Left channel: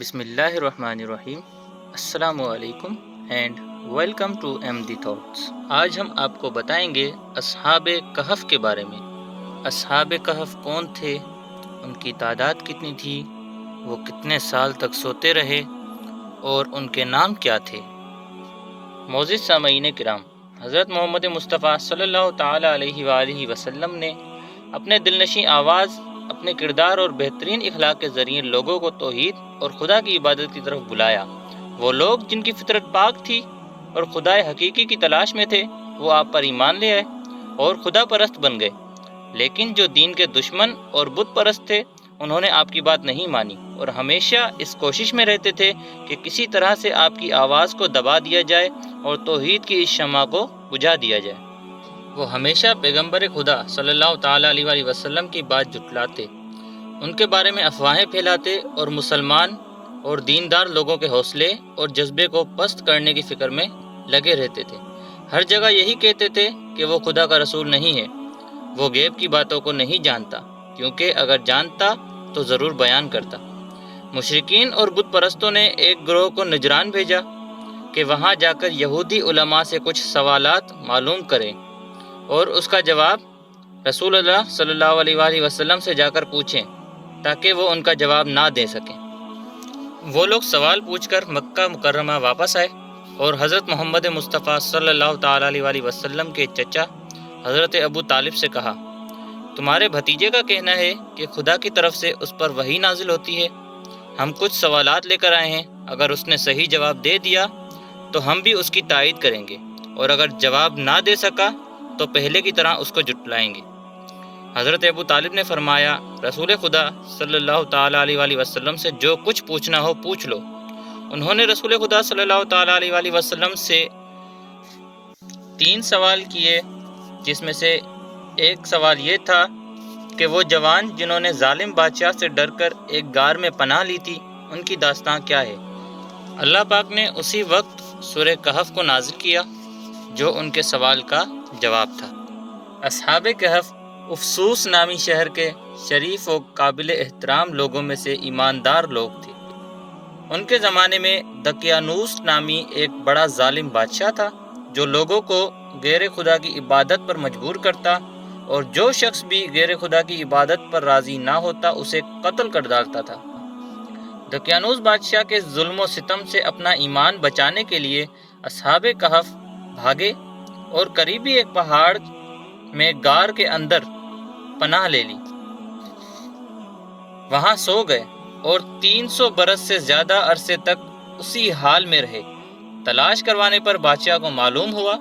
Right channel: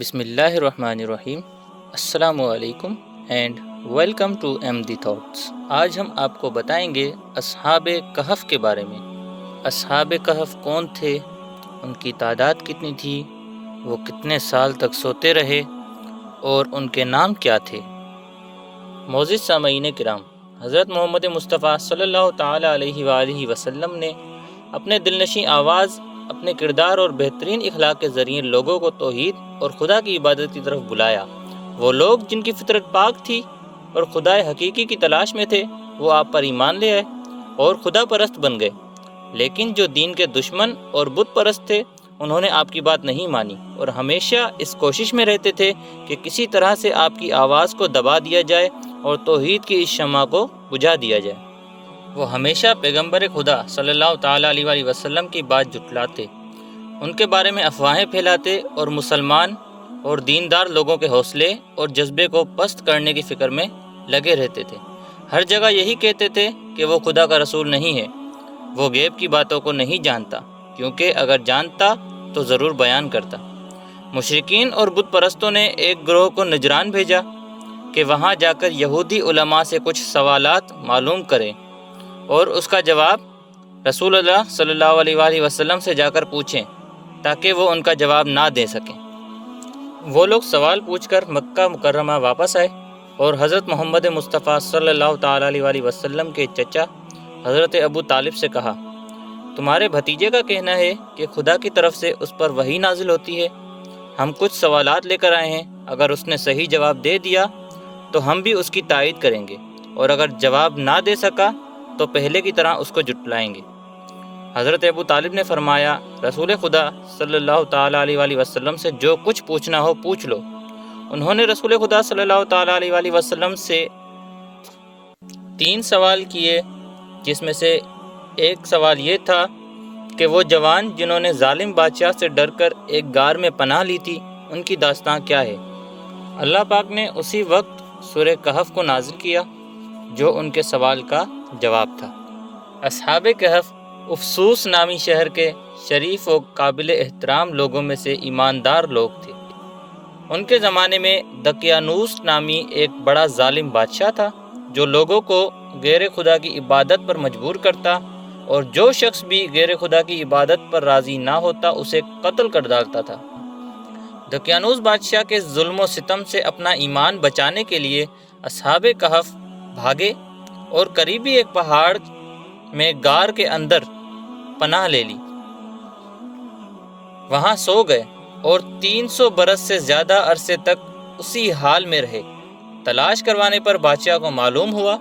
بسم اللہ الرحمن الرحیم۔ السلام علیکم and welcome to M the thoughts. آج ہم آپ کو بتائیں گے اصحاب کہف کے بارے میں۔ اصحاب کہف کون تھے، ان کی تعداد کتنی تھی، وہ کتنے سال تک سوتے رہے اور ان کے نام کیا تھے۔ معزز سامعین کرام، حضرت محمد مصطفیٰ صلی اللہ تعالیٰ علیہ وآلہ وسلم نے اپنے دلنشیں آواز، اپنے کردار اور بہترین اخلاق کے ذریعے لوگوں کو توحید اور خدا کی عبادت کی طرف بلایا۔ وہ لوگ جن کی فطرت پاک تھی اور خدائے حقیقی کی تلاش میں تھے، وہ آپ پر ایمان لے آئے اور خدا پرست بن گئے۔ لیکن جو دین کے دشمن اور بت پرست تھے، انہوں نے آپ کی بات نہیں مانی اور ہمیشہ اس کوشش میں رہتے تھے کہ کسی طرح سے آپ کی آواز کو دبا دیا جائے اور توحید کی اس شمع کو بجھا دیا جائے۔ وہ ہمیشہ پیغمبر خدا صلی اللہ تعالیٰ علیہ وآلہ وسلم کی بات جھٹلاتے، ان کے بارے میں افواہیں پھیلاتے اور مسلمان اور دیندار لوگوں کے حوصلے اور جذبے کو پست کرنے کی فکر میں لگے رہتے تھے۔ ہر جگہ یہی کہتے تھے کہ وہ خدا کا رسول نہیں ہے، وہ غیب کی باتوں کو نہیں جانتا، کیونکہ اگر جانتا تو ضرور بیان کرتا۔ مشرکین اور بت پرستوں نے ایک گروہ کو نجران بھیجا کہ وہاں جا کر یہودی علماء سے کچھ سوالات معلوم کریں اور اس کا جواب رسول اللہ صلی اللہ علیہ وآلہ وسلم سے جا کر پوچھیں تاکہ وہ ان کا جواب نہ دے سکیں۔ وہ لوگ سوال پوچھ کر مکہ مکرمہ واپس آئے اور حضرت محمد مصطفیٰ صلی اللہ تعالیٰ علیہ وآلہ وسلم کے چچا حضرت ابو طالب سے کہا، تمہارے بھتیجے کا کہنا ہے کہ خدا کی طرف سے اس پر وحی نازل ہوتی ہے۔ ہم کچھ سوالات لے کر آئے ہیں، اگر اس نے صحیح جواب دے دیا تو ہم بھی اس کی تائید کریں گے، اور اگر جواب نہ دے سکا تو پہلے کی طرح اس کو جھٹلائیں گے۔ حضرت ابو طالب نے فرمایا، رسول خدا صلی اللہ تعالیٰ علیہ وآلہ وسلم سے جو کچھ پوچھنا ہو پوچھ لو۔ انہوں نے رسول خدا صلی اللہ تعالیٰ علیہ وآلہ وسلم سے 3 سوال کیے، جس میں سے ایک سوال یہ تھا کہ وہ جوان جنہوں نے ظالم بادشاہ سے ڈر کر ایک غار میں پناہ لی تھی، ان کی داستان کیا ہے۔ اللہ پاک نے اسی وقت سورہ کہف کو نازل کیا جو ان کے سوال کا جواب تھا۔ اصحاب کہف افسوس نامی شہر کے شریف و قابل احترام لوگوں میں سے ایماندار لوگ تھے۔ ان کے زمانے میں دقیانوس نامی ایک بڑا ظالم بادشاہ تھا جو لوگوں کو غیر خدا کی عبادت پر مجبور کرتا، اور جو شخص بھی غیر خدا کی عبادت پر راضی نہ ہوتا اسے قتل کر ڈالتا تھا۔ دقیانوس بادشاہ کے ظلم و ستم سے اپنا ایمان بچانے کے لیے اصحاب کہف بھاگے اور قریبی ایک پہاڑ میں غار کے اندر پناہ لے لی۔ وہاں سو گئے اور 300 برس سے زیادہ عرصے تک اسی حال میں رہے۔ تلاش کروانے پر بادشاہ کو معلوم ہوا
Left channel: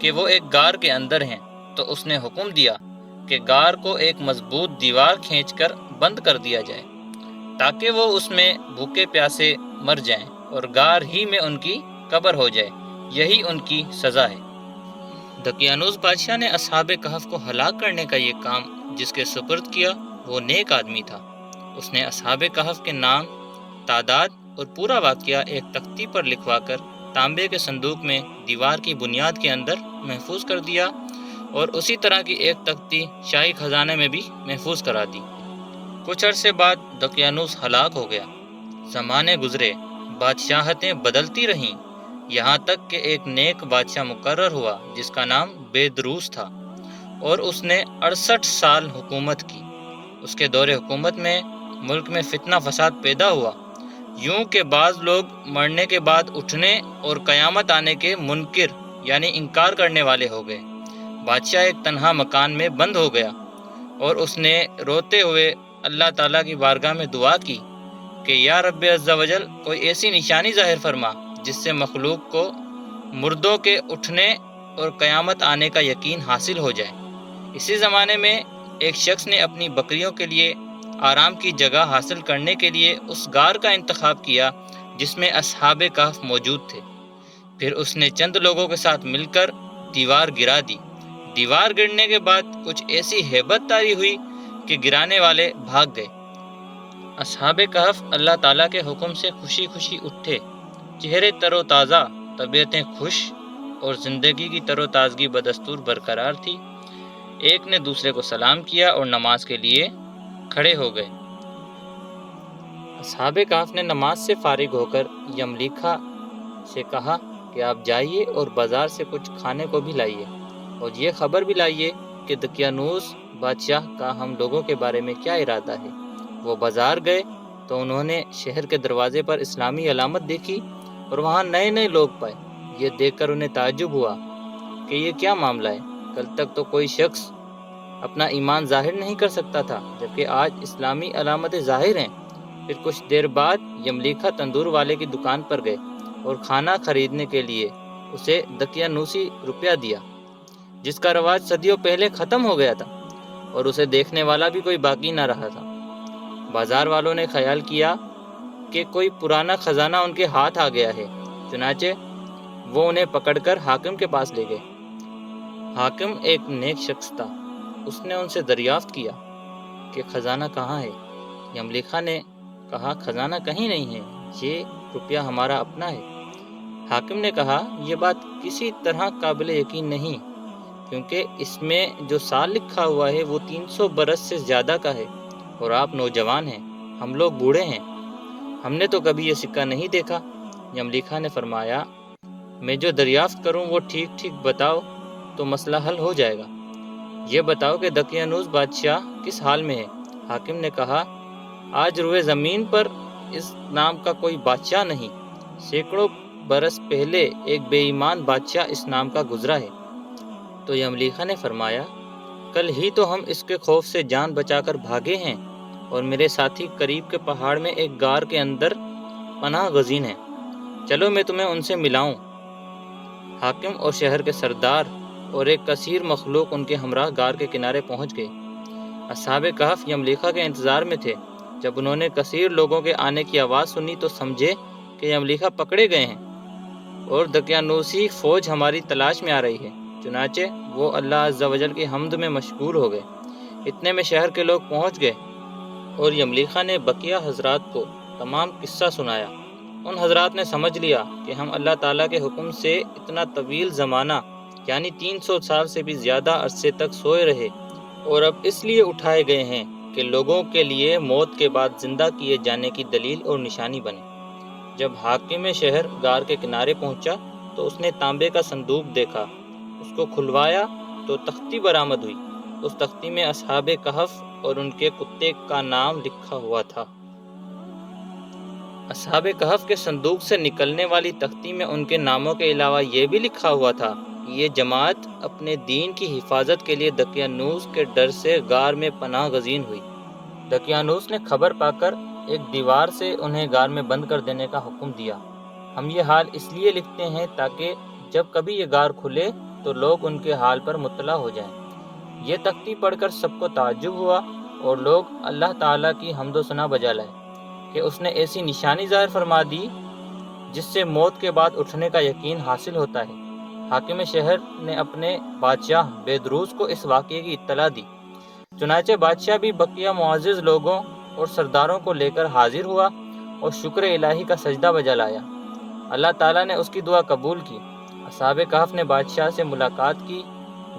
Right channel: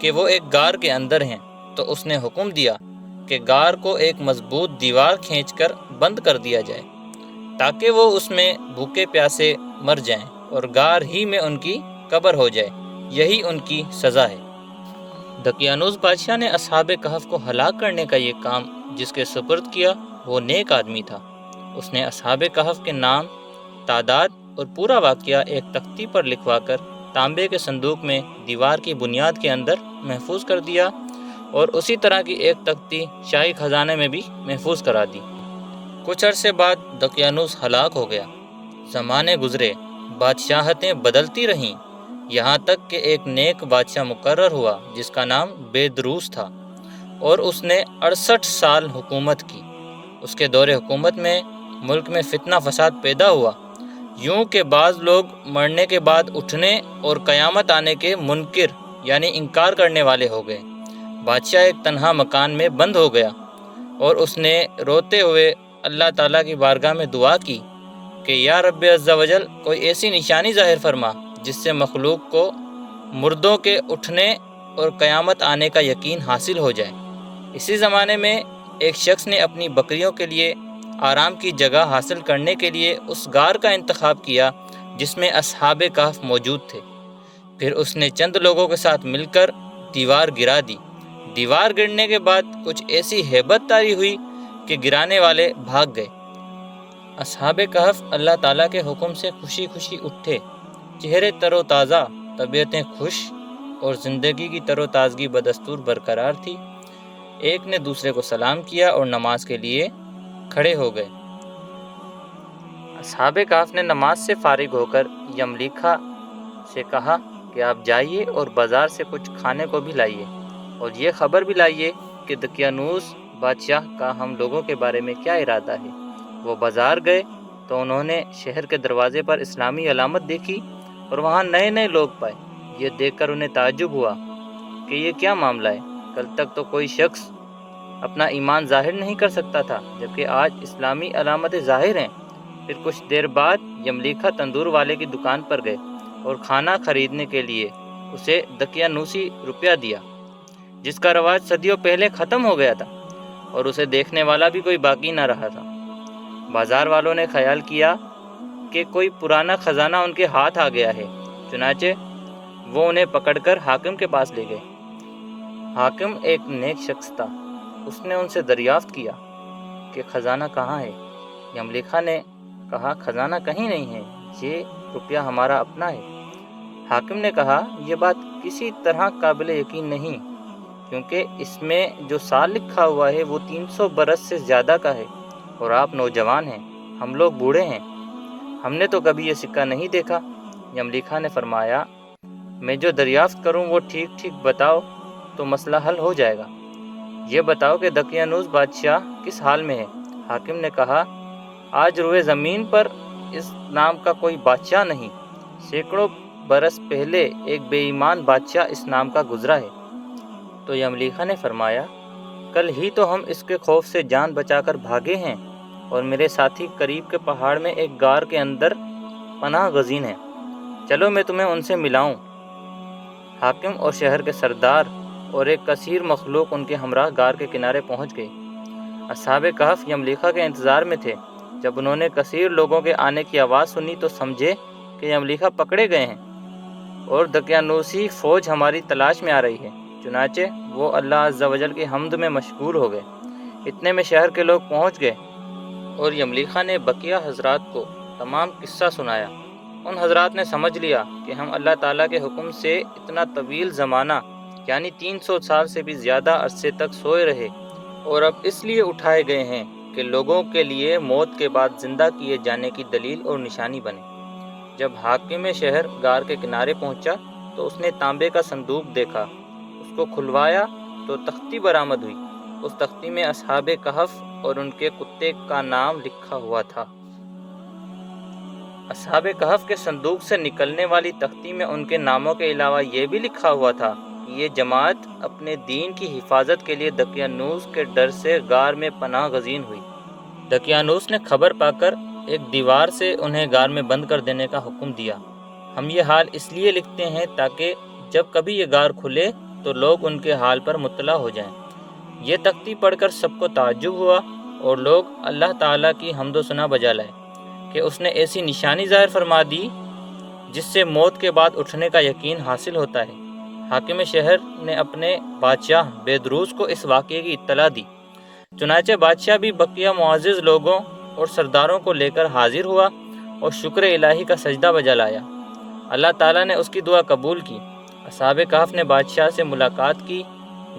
کہ وہ ایک غار کے اندر ہیں، تو اس نے حکم دیا کہ غار کو ایک مضبوط دیوار کھینچ کر بند کر دیا جائے تاکہ وہ اس میں بھوکے پیاسے مر جائیں اور غار ہی میں ان کی قبر ہو جائے۔ یہی ان کی سزا ہے۔ دقیانوس بادشاہ نے اصحاب کہف کو ہلاک کرنے کا یہ کام جس کے سپرد کیا وہ نیک آدمی تھا۔ اس نے اصحاب کہف کے نام، تعداد اور پورا واقعہ ایک تختی پر لکھوا کر تانبے کے صندوق میں دیوار کی بنیاد کے اندر محفوظ کر دیا، اور اسی طرح کی ایک تختی شاہی خزانے میں بھی محفوظ کرا دی۔ کچھ عرصے بعد دقیانوس ہلاک ہو گیا۔ زمانے گزرے، بادشاہتیں بدلتی رہیں، یہاں تک کہ ایک نیک بادشاہ مقرر ہوا جس کا نام بیدروس تھا، اور اس نے 68 سال حکومت کی۔ اس کے دور حکومت میں ملک میں فتنہ فساد پیدا ہوا، یوں کہ بعض لوگ مرنے کے بعد اٹھنے اور قیامت آنے کے منکر یعنی انکار کرنے والے ہو گئے۔ بادشاہ ایک تنہا مکان میں بند ہو گیا اور اس نے روتے ہوئے اللہ تعالیٰ کی بارگاہ میں دعا کی کہ یا رب عز و جل، کوئی ایسی نشانی ظاہر فرما جس سے مخلوق کو مردوں کے اٹھنے اور قیامت آنے کا یقین حاصل ہو جائے۔ اسی زمانے میں ایک شخص نے اپنی بکریوں کے لیے آرام کی جگہ حاصل کرنے کے لیے اس غار کا انتخاب کیا جس میں اصحاب کہف موجود تھے۔ پھر اس نے چند لوگوں کے ساتھ مل کر دیوار گرا دی۔ دیوار گرنے کے بعد کچھ ایسی ہیبت طاری ہوئی کہ گرانے والے بھاگ گئے۔ اصحاب کہف اللہ تعالیٰ کے حکم سے خوشی خوشی اٹھے، چہرے تر و تازہ، طبیعتیں خوش اور زندگی کی تر و تازگی بدستور برقرار تھی۔ ایک نے دوسرے کو سلام کیا اور نماز کے لیے کھڑے ہو گئے۔ اصحاب کہف نے نماز سے فارغ ہو کر یملیکھا سے کہا کہ آپ جائیے اور بازار سے کچھ کھانے کو بھی لائیے اور یہ خبر بھی لائیے کہ دقیانوس بادشاہ کا ہم لوگوں کے بارے میں کیا ارادہ ہے۔ وہ بازار گئے تو انہوں نے شہر کے دروازے پر اسلامی علامت دیکھی اور وہاں نئے نئے لوگ پائے۔ یہ دیکھ کر انہیں تعجب ہوا کہ یہ کیا معاملہ ہے، کل تک تو کوئی شخص اپنا ایمان ظاہر نہیں کر سکتا تھا، جبکہ آج اسلامی علامتیں ظاہر ہیں۔ پھر کچھ دیر بعد یملیکھا تندور والے کی دکان پر گئے اور کھانا خریدنے کے لیے اسے دقیانوسی روپیہ دیا، جس کا رواج صدیوں پہلے ختم ہو گیا تھا اور اسے دیکھنے والا بھی کوئی باقی نہ رہا تھا۔ بازار والوں نے خیال کیا کہ کوئی پرانا خزانہ ان کے ہاتھ آ گیا ہے، چنانچہ وہ انہیں پکڑ کر حاکم کے پاس لے گئے۔ حاکم ایک نیک شخص تھا، اس نے ان سے دریافت کیا کہ خزانہ کہاں ہے۔ یملیکھا نے کہا خزانہ کہیں نہیں ہے، یہ روپیہ ہمارا اپنا ہے۔ حاکم نے کہا یہ بات کسی طرح قابل یقین نہیں، کیونکہ اس میں جو سال لکھا ہوا ہے وہ 300 برس سے زیادہ کا ہے اور آپ نوجوان ہیں، ہم لوگ بوڑھے ہیں، ہم نے تو کبھی یہ سکہ نہیں دیکھا۔ یملیکھا نے فرمایا میں جو دریافت کروں وہ ٹھیک ٹھیک بتاؤ تو مسئلہ حل ہو جائے گا۔ یہ بتاؤ کہ دقیانوس بادشاہ کس حال میں ہے۔ حاکم نے کہا آج روئے زمین پر اس نام کا کوئی بادشاہ نہیں، سینکڑوں برس پہلے ایک بے ایمان بادشاہ اس نام کا گزرا ہے۔ تو یملیکھا نے فرمایا کل ہی تو ہم اس کے خوف سے جان بچا کر بھاگے ہیں اور میرے ساتھی قریب کے پہاڑ میں ایک غار کے اندر پناہ گزین ہیں، چلو میں تمہیں ان سے ملاؤں۔ حاکم اور شہر کے سردار اور ایک کثیر مخلوق ان کے ہمراہ غار کے کنارے پہنچ گئے۔ اصحاب کہف یملیکھا کے انتظار میں تھے۔ جب انہوں نے کثیر لوگوں کے آنے کی آواز سنی تو سمجھے کہ یملیکھا پکڑے گئے ہیں اور دقیانوسی فوج ہماری تلاش میں آ رہی ہے، چنانچہ وہ اللہ عز و جل کی حمد میں مشغول ہو گئے۔ اتنے میں شہر کے لوگ پہنچ گئے اور یملیکھا نے بقیہ حضرات کو تمام قصہ سنایا۔ ان حضرات نے سمجھ لیا کہ ہم اللہ تعالیٰ کے حکم سے اتنا طویل زمانہ یعنی 300 سال سے بھی زیادہ عرصے تک سوئے رہے اور اب اس لیے اٹھائے گئے ہیں کہ لوگوں کے لیے موت کے بعد زندہ کیے جانے کی دلیل اور نشانی بنے۔ جب حاکم شہر غار کے کنارے پہنچا تو اس نے تانبے کا صندوق دیکھا، اس کو کھلوایا تو تختی برآمد ہوئی۔ اس تختی میں اصحاب کہف اور ان کے کتے کا نام لکھا ہوا تھا۔ اصحاب کہف کے صندوق سے نکلنے والی تختی میں ان کے ناموں کے علاوہ یہ بھی لکھا ہوا تھا کہ یہ جماعت اپنے دین کی حفاظت کے لیے دقیانوس کے ڈر سے غار میں پناہ گزین ہوئی۔ دقیانوس نے خبر پا کر ایک دیوار سے انہیں غار میں بند کر دینے کا حکم دیا۔ ہم یہ حال اس لیے لکھتے ہیں تاکہ جب کبھی یہ غار کھلے تو لوگ ان کے حال پر مطلع ہو جائیں۔ یہ تختی پڑھ کر سب کو تعجب ہوا اور لوگ اللہ تعالیٰ کی حمد و ثنا بجا لائے کہ اس نے ایسی نشانی ظاہر فرما دی جس سے موت کے بعد اٹھنے کا یقین حاصل ہوتا ہے۔ حاکم شہر نے اپنے بادشاہ بیدروس کو اس واقعے کی اطلاع دی، چنانچہ بادشاہ بھی بقیہ معزز لوگوں اور سرداروں کو لے کر حاضر ہوا اور شکر الہی کا سجدہ بجا لایا۔ اللہ تعالیٰ نے اس کی دعا قبول کی۔ اصحاب کہف نے بادشاہ سے ملاقات کی،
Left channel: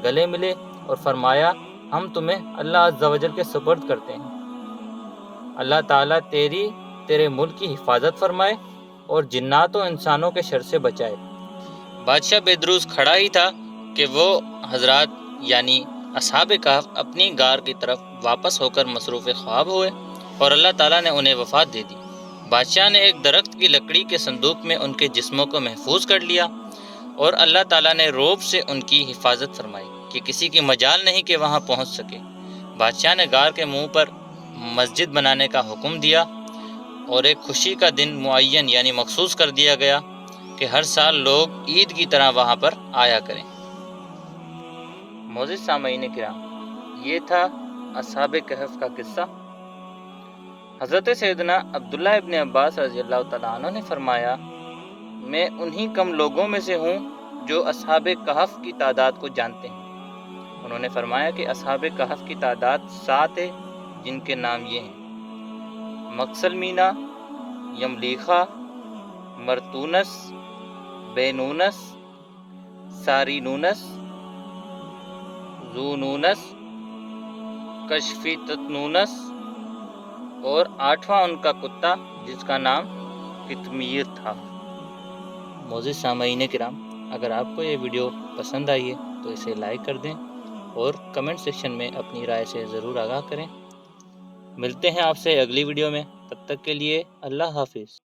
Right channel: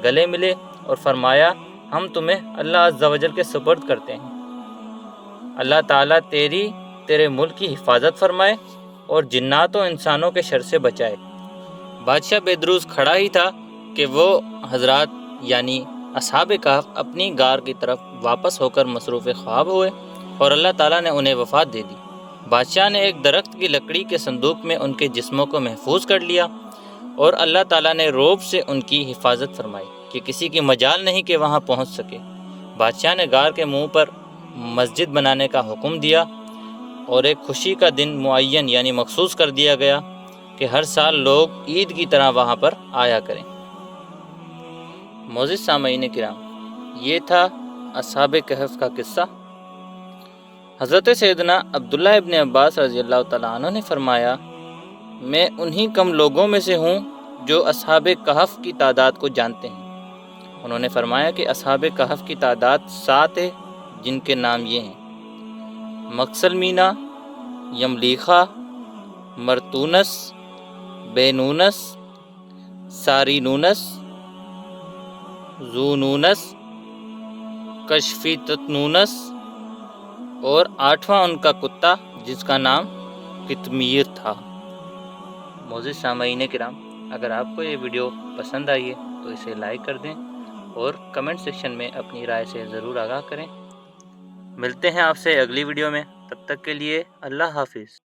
گلے ملے اور فرمایا ہم تمہیں اللہ عز و جل کے سپرد کرتے ہیں۔ اللہ تعالیٰ تیرے ملک کی حفاظت فرمائے اور جنات و انسانوں کے شر سے بچائے۔ بادشاہ بیدروس کھڑا ہی تھا کہ وہ حضرات یعنی اصحاب کہف اپنی غار کی طرف واپس ہو کر مصروف خواب ہوئے اور اللہ تعالیٰ نے انہیں وفات دے دی۔ بادشاہ نے ایک درخت کی لکڑی کے صندوق میں ان کے جسموں کو محفوظ کر لیا اور اللہ تعالیٰ نے رعب سے ان کی حفاظت فرمائی کہ کسی کی مجال نہیں کہ وہاں پہنچ سکے۔ بادشاہ نے غار کے منہ پر مسجد بنانے کا حکم دیا اور ایک خوشی کا دن معین یعنی مخصوص کر دیا گیا کہ ہر سال لوگ عید کی طرح وہاں پر آیا کریں۔ معزز سامعین کرام، یہ تھا اصحاب کہف کا قصہ۔ حضرت سیدنا عبداللہ ابن عباس رضی اللہ تعالیٰ عنہ نے فرمایا میں انہی کم لوگوں میں سے ہوں جو اصحاب کہف کی تعداد کو جانتے ہیں۔ انہوں نے فرمایا کہ اصحاب کہف کی تعداد 7 ہے، جن کے نام یہ ہیں: مکسلمینا، یملیکھا، مرتونس، بینونس، سارینونس، زونونس، کشفی تتنونس اور 8واں ان کا کتا جس کا نام قطمیر تھا۔ معزز سامعین کرام، اگر آپ کو یہ ویڈیو پسند آئی ہے تو اسے لائک کر دیں اور کمنٹ سیکشن میں اپنی رائے سے ضرور آگاہ کریں۔ ملتے ہیں آپ سے اگلی ویڈیو میں، تب تک کے لیے اللہ حافظ۔